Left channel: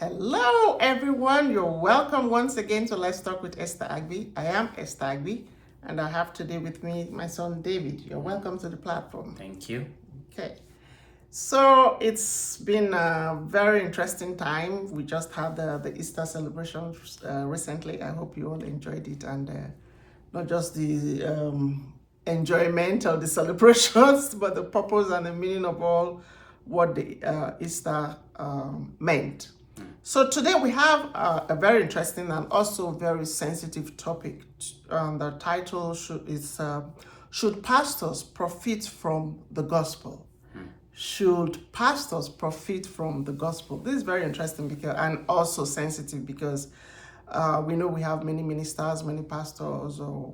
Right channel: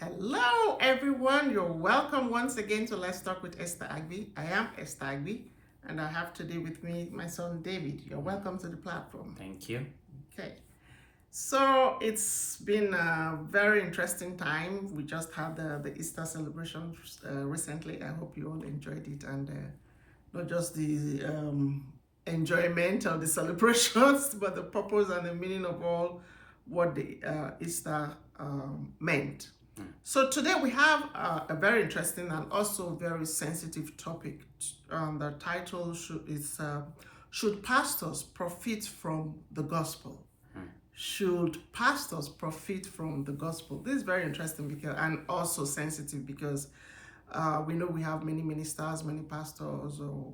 Hello, everyone. You're welcome once again to Let's Talk with Esther Agbi. I am Esther Agbi, and I have today with me my son David. You're welcome to the platform. Thank you. Okay. So it's been a very interesting time. We just had the Easter celebration recently. I hope you all enjoyed it, and not just the enjoyment of the celebrations, but the purpose and the meaning of all what the Easter meant. So today we have a very interesting and also very sensitive topic. The title is Should Pastors Profit from the Gospel? Should pastors profit from the gospel? This is very interesting because, and also sensitive because we know we have many ministers, many pastors, or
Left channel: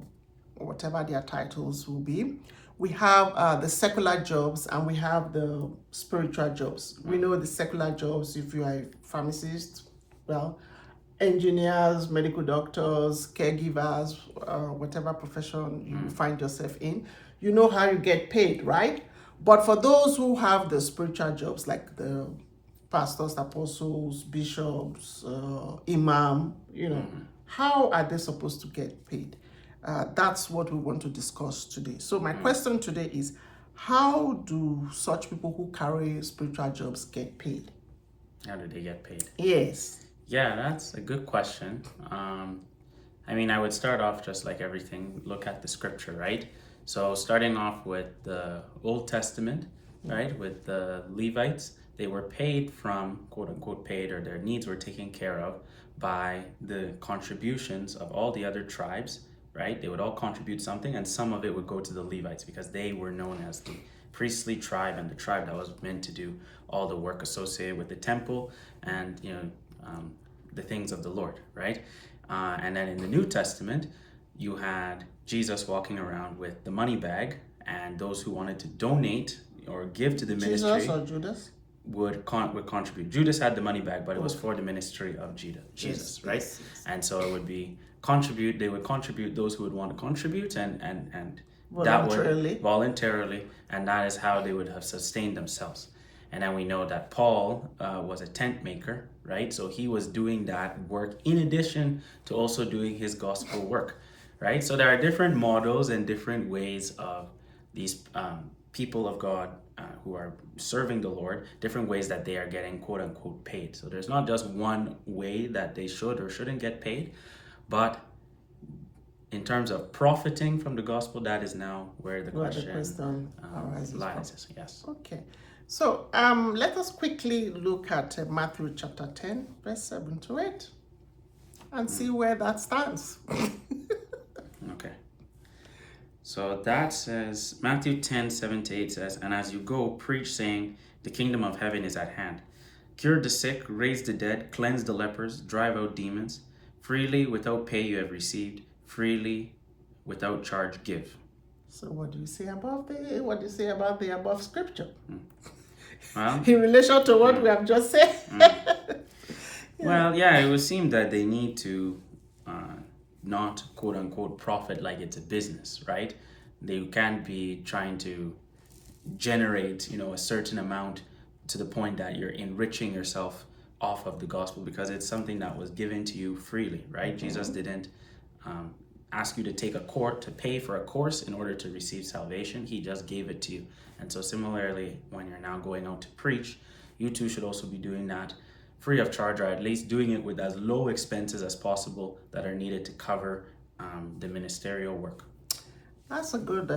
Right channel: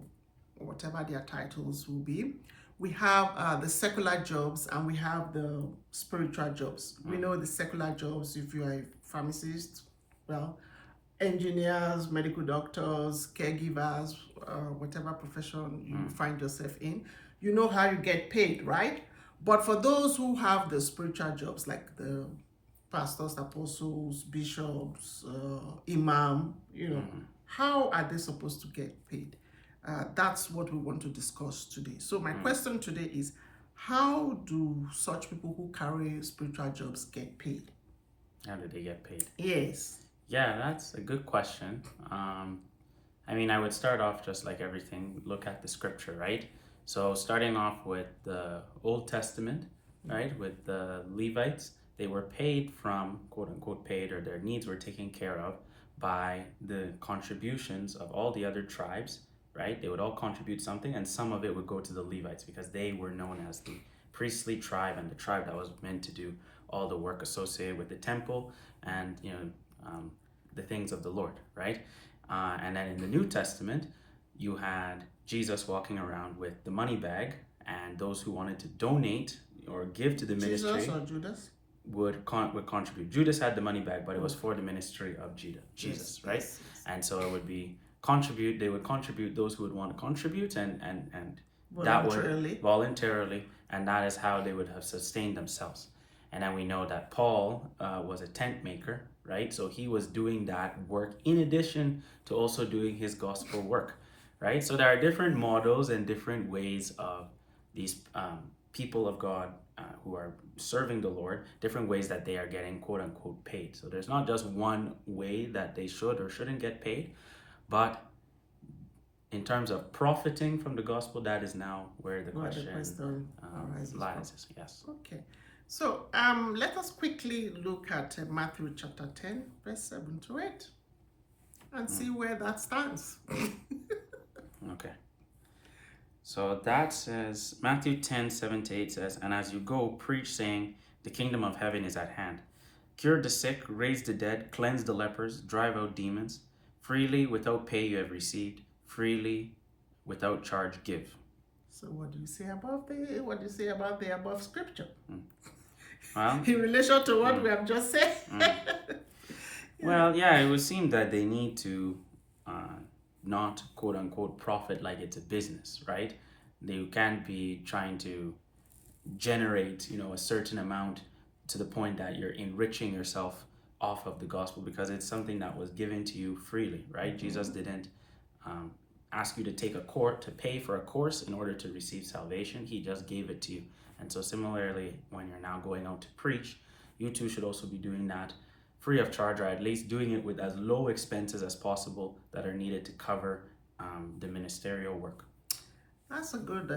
whatever their titles will be. We have the secular jobs and we have the spiritual jobs. We know the secular jobs, if you are a pharmacist, well, engineers, medical doctors, caregivers, whatever profession you find yourself in, you know how you get paid, right? But for those who have the spiritual jobs, like the pastors, apostles, bishops, imam, how are they supposed to get paid? That's what we want to discuss today. So my question today is, how do such people who carry spiritual jobs get paid? How do they get paid? Yes. Yeah, that's a good question. I would start off just like everything, look at the scripture, right? So starting off with the Old Testament, right? With the Levites, they were paid from, quote unquote, paid, or their needs were taken care of by the contributions of all the other tribes, right? They would all contribute something, and some of it would go to the Levites because they were known as the priestly tribe and the tribe that was meant to do all the work associated with the temple and the things of the Lord, right? And then in the New Testament, you had Jesus walking around with the money bag, and those who wanted to donate or give to the ministry. Jesus or Judas? Would contribute. Judas had the money bag, but it was for the ministry of Jesus, right? Yes. And so it would be contribute. They would contribute, those who would want to contribute, and Voluntarily. that would voluntarily, and that is how they would have sustained themselves. And then we know that Paul was a tent maker, right? So he was doing that work in addition to also doing his gospel work, right? So there are different models and different ways of these people of God who are serving the Lord, different ways that they are getting quote unquote paid. So there's not just one way that they should or shouldn't get paid, but in terms of profiting from the gospel, that is now where the question lies. Yes. Okay. So let us quickly look at Matthew chapter 10, verse 7 to 8 and see where that stands. Okay. So that says, Matthew 10, 7 to 8 says, "And as you go, preach, saying, the kingdom of heaven is at hand. Cure the sick, raise the dead, cleanse the lepers, drive out demons. Freely, without pay you have received. Freely, without charge give." So what do you say about the above scripture? Well, in relation to what we have just said? Well, yeah, it would seem that they need to not quote unquote profit like it's a business, right? They can't be trying to generate, a certain amount to the point that you're enriching yourself off of the gospel, because it's something that was given to you freely, right? Jesus didn't ask you to pay for a course in order to receive salvation. He just gave it to you. And so similarly, when you're now going out to preach, you too should also be doing that free of charge, or at least doing it with as low expenses as possible that are needed to cover the ministerial work. That's a good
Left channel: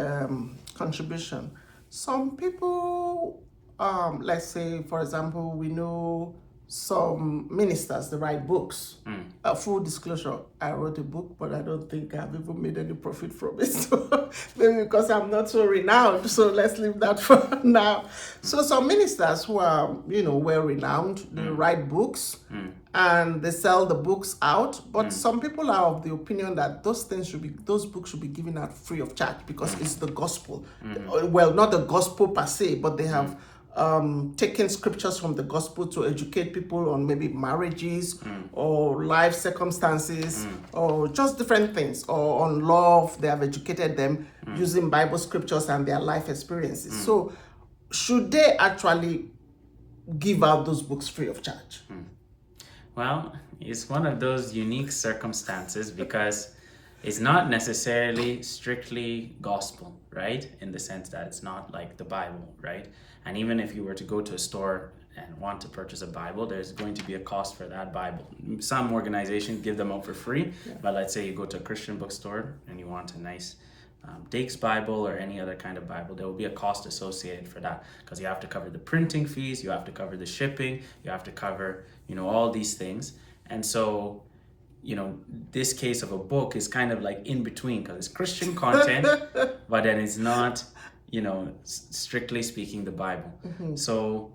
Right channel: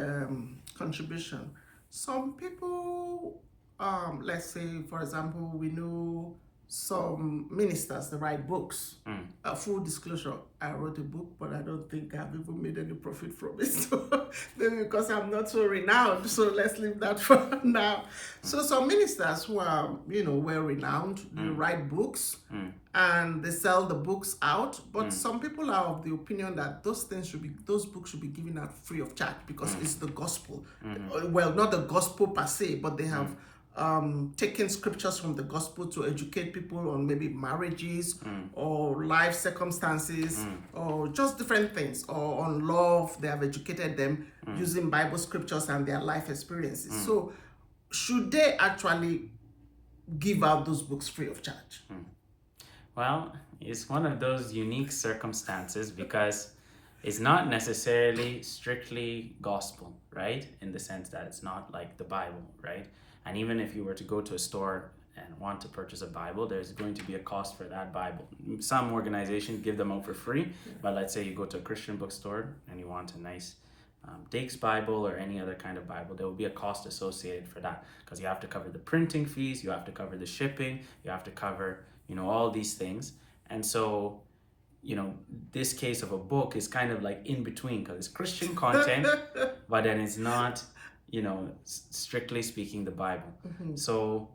contribution. Some people, let's say, for example, we know some ministers, they write books. Full disclosure, I wrote a book, but I don't think I've even made any profit from it. So maybe because I'm not so renowned. So let's leave that for now. So some ministers who are, well renowned, they write books and they sell the books out. But some people are of the opinion that those books should be given out free of charge because it's the gospel. Well, not the gospel per se, but they have taking scriptures from the gospel to educate people on maybe marriages or life circumstances or just different things, or on love. They have educated them using Bible scriptures and their life experiences. So should they actually give out those books free of charge? Well, it's one of those unique circumstances because it's not necessarily strictly gospel, right? In the sense that it's not like the Bible, right? And even if you were to go to a store and want to purchase a Bible, there's going to be a cost for that Bible. Some organizations give them out for free, but let's say you go to a Christian bookstore and you want a nice Dake's Bible or any other kind of Bible, there will be a cost associated for that because you have to cover the printing fees, you have to cover the shipping, you have to cover, all these things. And so, this case of a book is kind of like in between because it's Christian content, but then it's not, strictly speaking the Bible. So,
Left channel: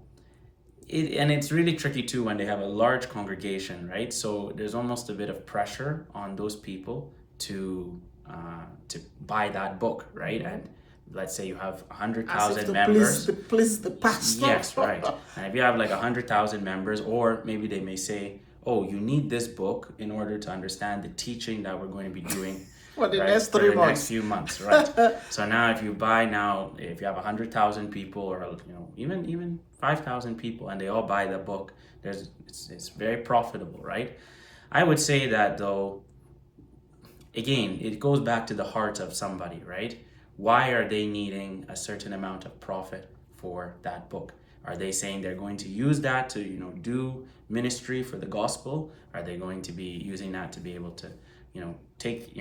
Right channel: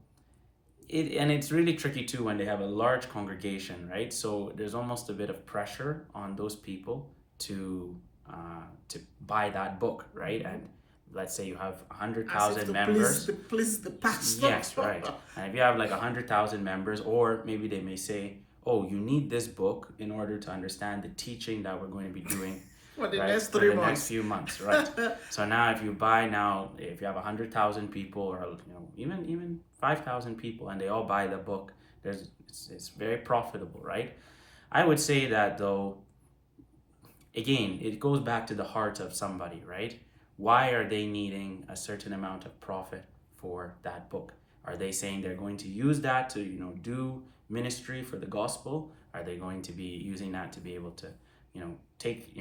and it's really tricky too when they have a large congregation, right? So there's almost a bit of pressure on those people to buy that book, right? And let's say you have As if 100,000 to members. please the pastor. Yes, right. And if you have like 100,000 members, or maybe they may say, "Oh, you need this book in order to understand the teaching that we're going to be doing For the right, next for 3 the next months. few months, right?" So now, if you have 100,000 people, or even 5,000 people, and they all buy the book, it's very profitable, right? I would say that though, again, it goes back to the heart of somebody, right? Why are they needing a certain amount of profit for that book? Are they saying they're going to use that to, do ministry for the gospel? Are they going to be using that to be able to, take,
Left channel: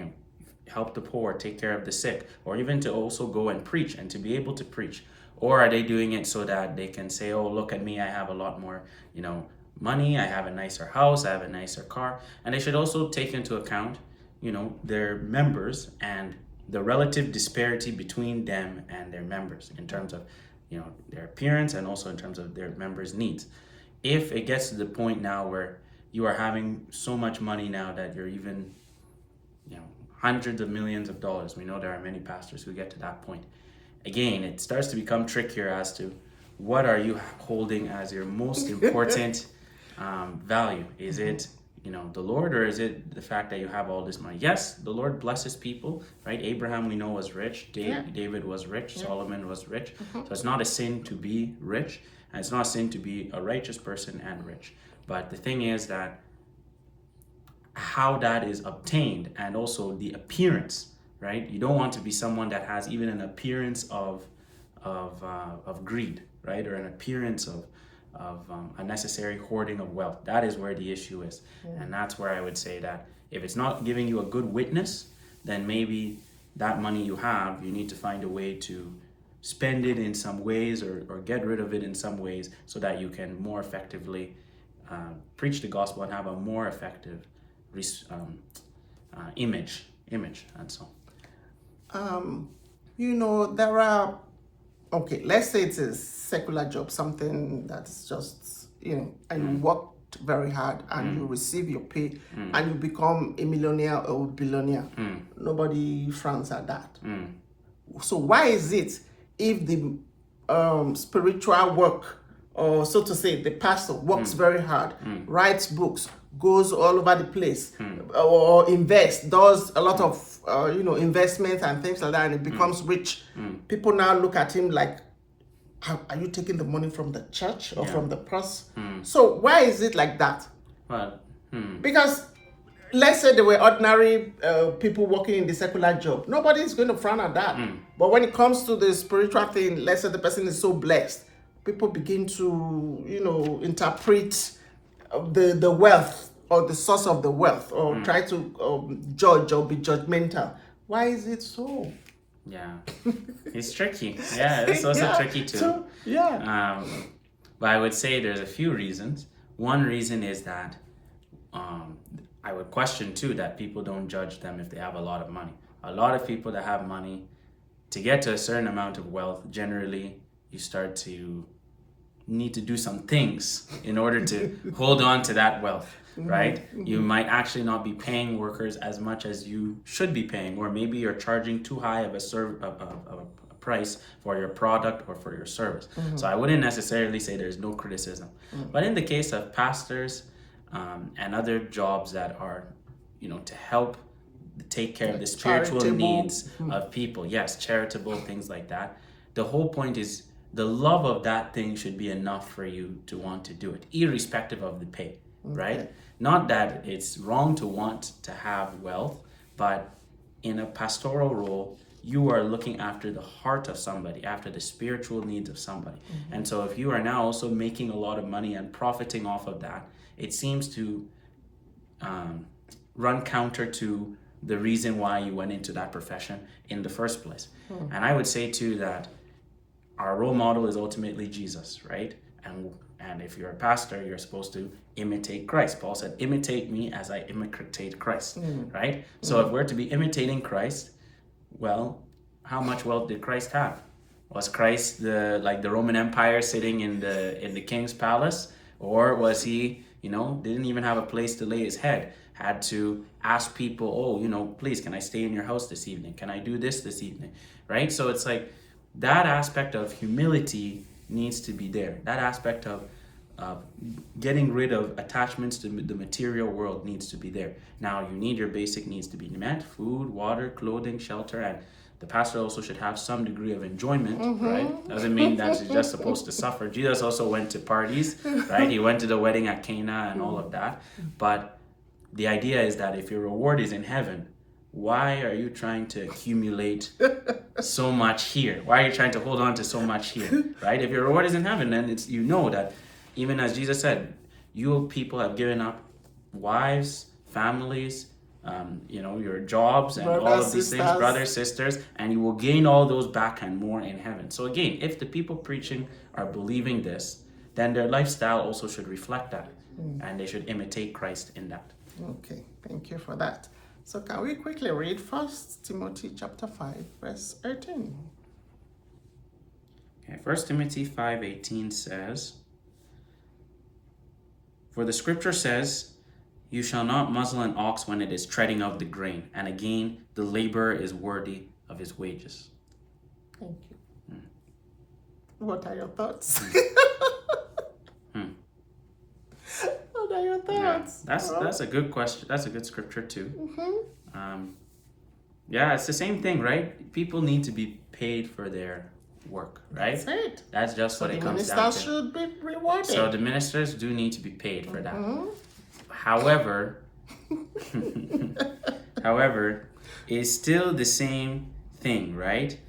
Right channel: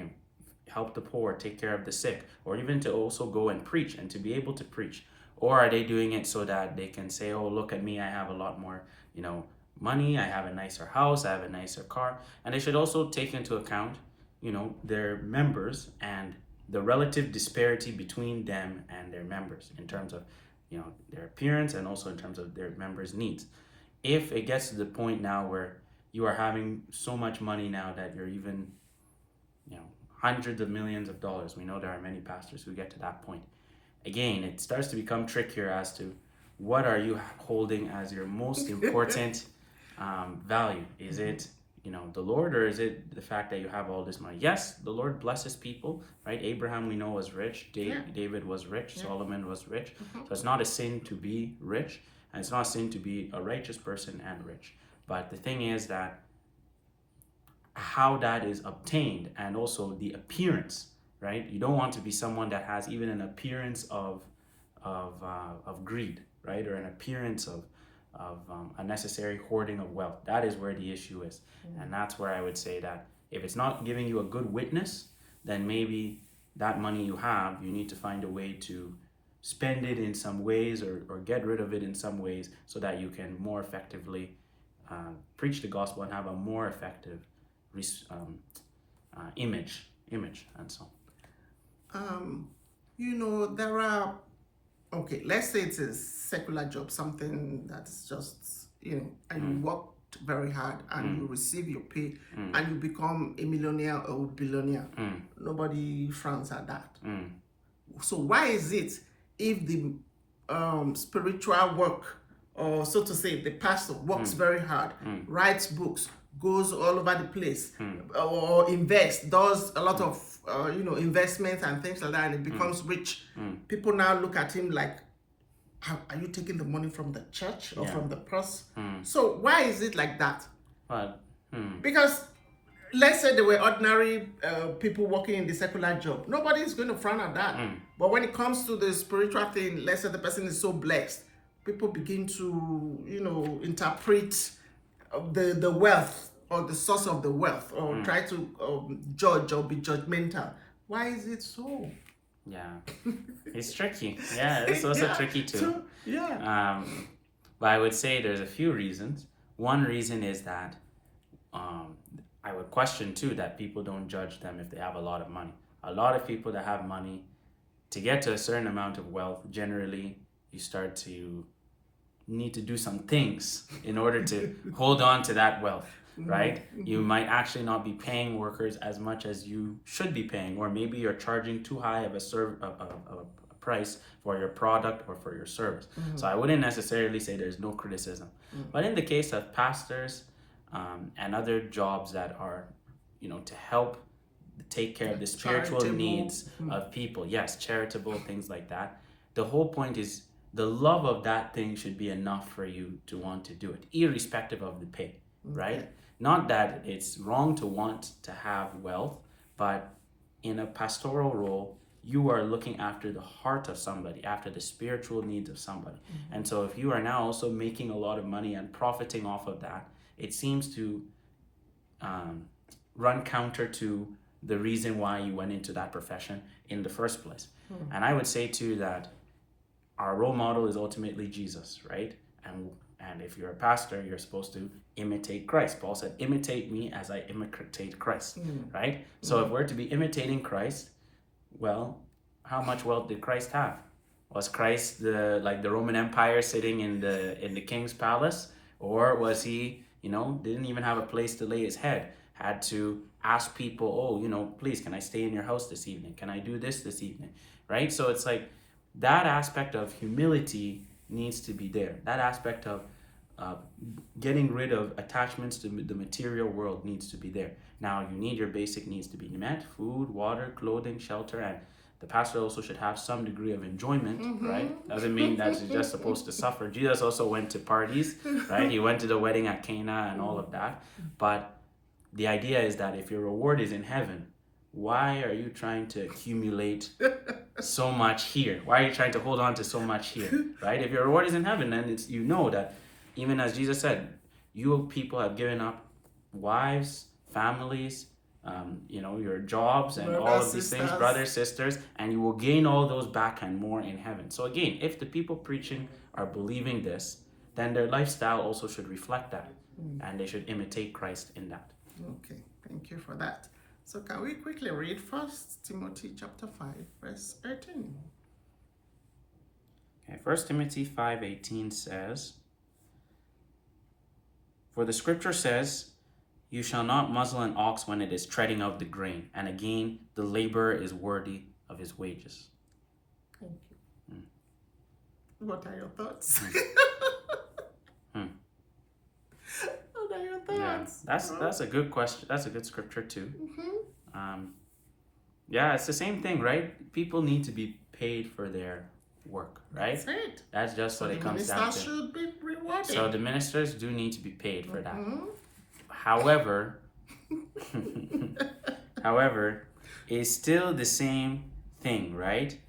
help the poor, take care of the sick, or even to also go and preach and to be able to preach? Or are they doing it so that they can say, "Oh, look at me, I have a lot more, money, I have a nicer house, I have a nicer car." And they should also take into account, their members and the relative disparity between them and their members in terms of, their appearance and also in terms of their members' needs. If it gets to the point now where you are having so much money now that you're even, hundreds of millions of dollars, we know there are many pastors who get to that point. Again, it starts to become trickier as to what are you holding as your most important value. Is it the Lord, or is it the fact that you have all this money? Yes, the Lord blesses people, right? Abraham, we know, was rich. David was rich. Solomon was rich. So it's not a sin to be rich, and it's not a sin to be a righteous person and rich. But the thing is that how that is obtained, and also the appearance, right? You don't want to be someone that has even an appearance of greed, right, or an appearance of unnecessary hoarding of wealth. That is where the issue is. And that's where I would say that if it's not giving you a good witness, then maybe that money you have, you need to find a way to spend it in some ways, or get rid of it in some ways, so that you can more effectively preach the gospel and have a more effective image. And so There are, okay, let's say it's a secular job, something that's just, and you worked very hard and you receive your pay and you become a millionaire or billionaire. Nobody frowns at that. So why is it if the spiritual work, or so to say, the pastor works very hard, writes books, goes all over the place, or invests, does a lot of investments and things like that, and it becomes rich? People now look at him like, are you taking the money from the church or from the purse? So why is it like that? well, Because let's say there were ordinary people working in the secular job. Nobody's going to frown at that. But when it comes to the spiritual thing, let's say the person is so blessed, people begin to, interpret the wealth or the source of the wealth, or try to judge or be judgmental. Why is it so? yeah, it's tricky. Yeah, it's also Yeah, tricky too. so, yeah. But I would say there's a few reasons. One reason is that I would question too that people don't judge them if they have a lot of money. A lot of people that have money, to get to a certain amount of wealth, generally you start to need to do some things in order to hold on to that wealth, right? You might actually not be paying workers as much as you should be paying, or maybe you're charging too high of a price for your product or for your service. So I wouldn't necessarily say there's no criticism. But in the case of pastors and other jobs that are, to help take care of the spiritual Charitable. needs of people, yes, charitable, things like that, the whole point is the love of that thing should be enough for you to want to do it, irrespective of the pay, right? Not that it's wrong to want to have wealth, but in a pastoral role, you are looking after the heart of somebody, after the spiritual needs of somebody. And so if you are now also making a lot of money and profiting off of that, it seems to run counter to the reason why you went into that profession in the first place. And I would say too that our role model is ultimately Jesus, right? And if you're a pastor, you're supposed to imitate Christ. Paul said, imitate me as I imitate Christ, right? So if we're to be imitating Christ, well, how much wealth did Christ have? Was Christ like the Roman Empire sitting in the king's palace? Or was he, didn't even have a place to lay his head? Had to ask people, oh, please, can I stay in your house this evening? Can I do this evening? Right? So it's like that aspect of humility needs to be there. That aspect of getting rid of attachments to the material world needs to be there. Now, you need your basic needs to be met: food, water, clothing, shelter, and the pastor also should have some degree of enjoyment, right? Doesn't mean that you're just supposed to suffer. Jesus also went to parties, right? He went to the wedding at Cana and all of that. But the idea is that if your reward is in heaven, why are you trying to accumulate so much here? Why are you trying to hold on to so much here, right? If your reward is in heaven, then it's that even as Jesus said, you people have given up wives, families, your jobs and all of these things, brothers, sisters, and you will gain all those back and more in heaven. So again, if the people preaching are believing this, then their lifestyle also should reflect that, and they should imitate Christ in that. Okay, thank you for that. So can we quickly read 1 Timothy chapter 5, verse 18? Okay, 1 Timothy 5:18 says, "For the scripture says, you shall not muzzle an ox when it is treading out the grain, and again, the laborer is worthy of his wages." Thank you. What are your thoughts? What are your thoughts? Yeah, that's a good question. That's a good scripture too. Yeah, it's the same thing, right? People need to be paid for their work, right? That's it. That's just what it comes down to. The ministers should be rewarded. So the ministers do need to be paid for that. However, it's still the same thing, right?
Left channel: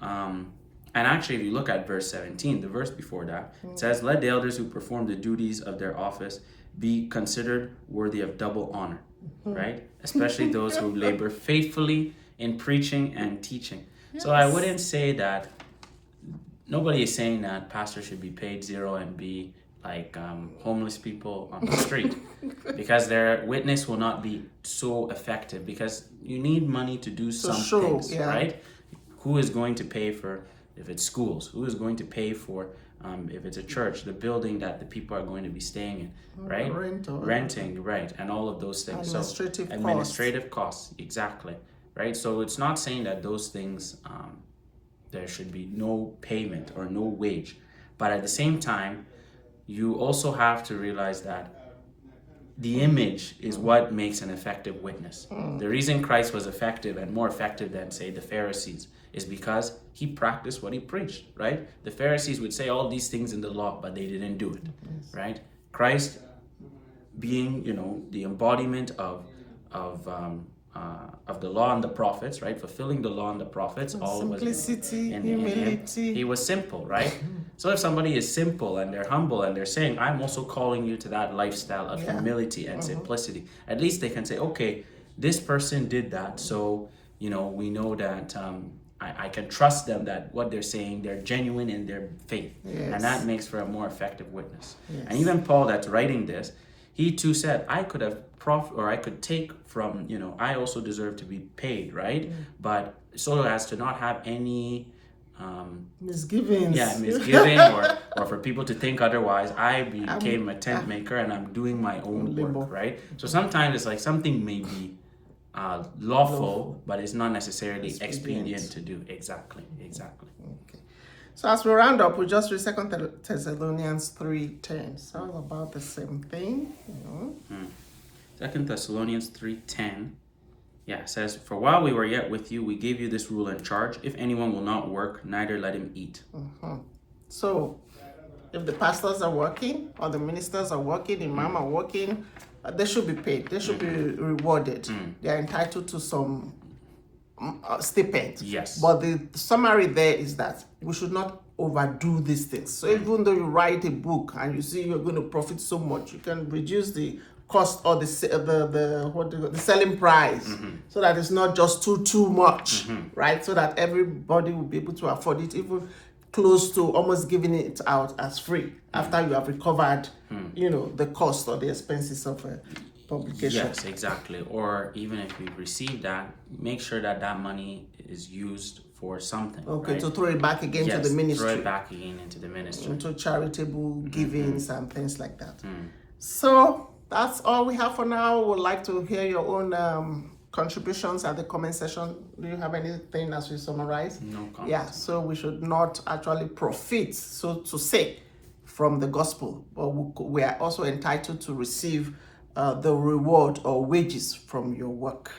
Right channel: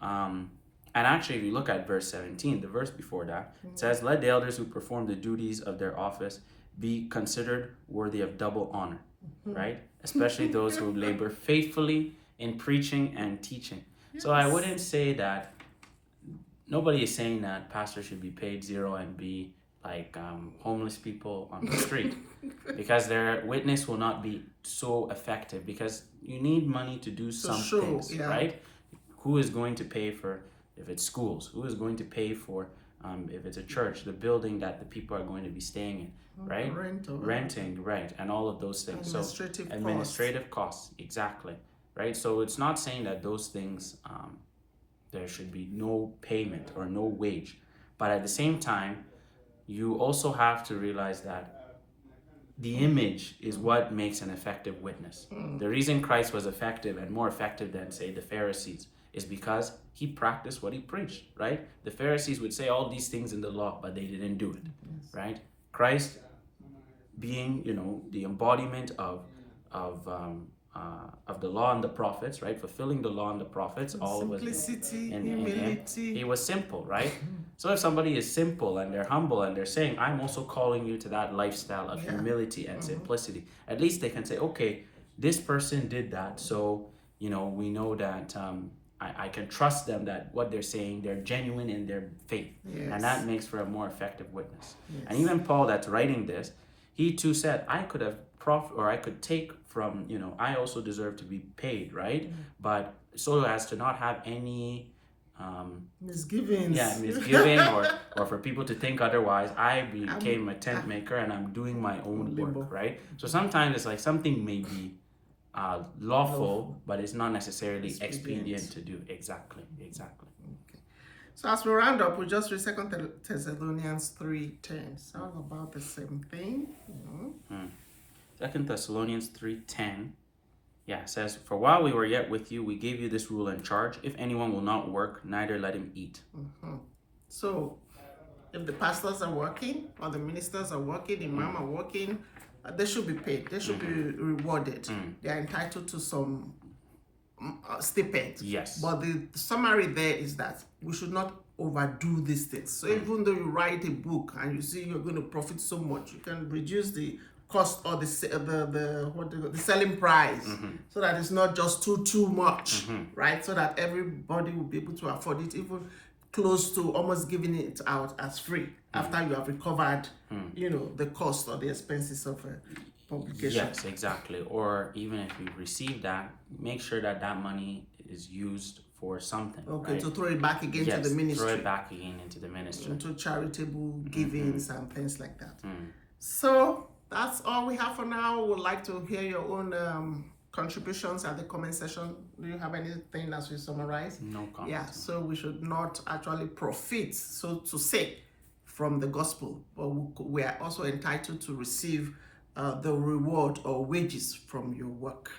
And actually, if you look at verse 17, the verse before that, it says, "Let the elders who perform the duties of their office be considered worthy of double honor," right? Especially those who labor faithfully in preaching and teaching. Yes. So I wouldn't say that, nobody is saying that pastors should be paid zero and be like homeless people on the street, because their witness will not be so effective, because you need money to do some things, right? Who is going to pay for, if it's schools? Who is going to pay for, if it's a church, the building that the people are going to be staying in, right? Renting, right, and all of those things. Administrative costs, exactly, right? So it's not saying that those things, there should be no payment or no wage, but at the same time, you also have to realize that the image is what makes an effective witness. The reason Christ was effective and more effective than, say, the Pharisees is because he practiced what he preached, right? The Pharisees would say all these things in the law, but they didn't do it, right? Christ being, the embodiment of the law and the prophets, right? Fulfilling the law and the prophets, all was in him. He was simple, right? So if somebody is simple and they're humble and they're saying, I'm also calling you to that lifestyle of humility and simplicity, at least they can say, okay, this person did that. So, we know that I can trust them, that what they're saying, they're genuine in their faith. Yes. And that makes for a more effective witness. Yes. And even Paul that's writing this, he too said, I could have I could take from, I also deserve to be paid, right? But so as to not have any misgivings. Yeah, misgiving or for people to think otherwise, I became a tent maker and I'm doing my own work, right? So sometimes it's like something may be lawful, but it's not necessarily expedient to do. Exactly. Okay. So as we round up, we just read 2 Thessalonians 3:10. It's all about the same thing, 2 Thessalonians 3:10. Yeah, it says, "For while we were yet with you, we gave you this rule and charge: if anyone will not work, neither let him eat." So If the pastors are working or the ministers are working, imam are working, they should be paid. They should be rewarded. They are entitled to some stipend. Yes. But the summary there is that we should not overdo these things. So even though you write a book and you see you're going to profit so much, you can reduce the cost or the selling price, so that it's not just too much, right? So that everybody will be able to afford it, even close to almost giving it out as free after you have recovered, the cost or the expenses of publication. Yes, exactly. Or even if you receive that, make sure that that money is used for something. Okay, right? to throw it back again to the ministry. Throw it back again into the ministry. Into charitable givings and things like that. So that's all we have for now. We'd like to hear your own contributions at the comment section. Do you have anything as we summarize? No comment. Yeah, so we should not actually profit, so to say, from the gospel, but we are also entitled to receive the reward or wages from your work.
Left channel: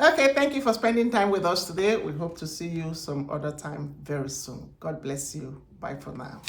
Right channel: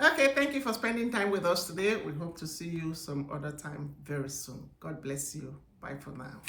Okay, thank you for spending time with us today. We hope to see you some other time very soon. God bless you. Bye for now.